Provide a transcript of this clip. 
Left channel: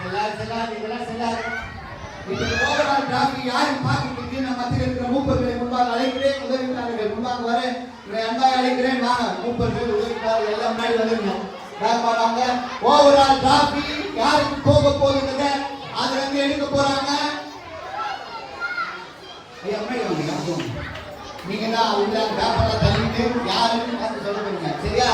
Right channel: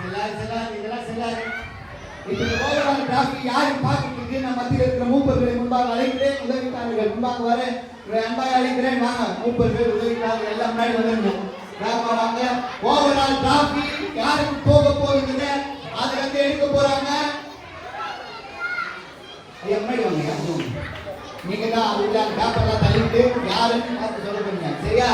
இதெல்லாம் செல்லாது. இப்ப இந்த ஓவரால் டிராஃபி யாரும் பார்த்துட்டு நம்ம மத்தியில் இருக்கிற மூப்பர்களை முன்பாக அழைக்கிறேன், உதவிக்காரர்கள் முன்பாக வர அன்பாக அழைக்கிறேன். நான் மூப்பர்கள் உதவிக்காரர்கள் எல்லாம் முன்னாடி வருங்க. வராங்க. ஓவரால் டிராஃபி யாருக்கு போக போகுதுங்க, அதுல இருந்து எடுக்க போறாங்க. ஐயா முன்னாடி வாங்க. நீங்க தான் அவங்க பேப்பர்ல தள்ளிட்டு யாருக்கும் பார்த்து சொல்ல போறீங்க, சரியா?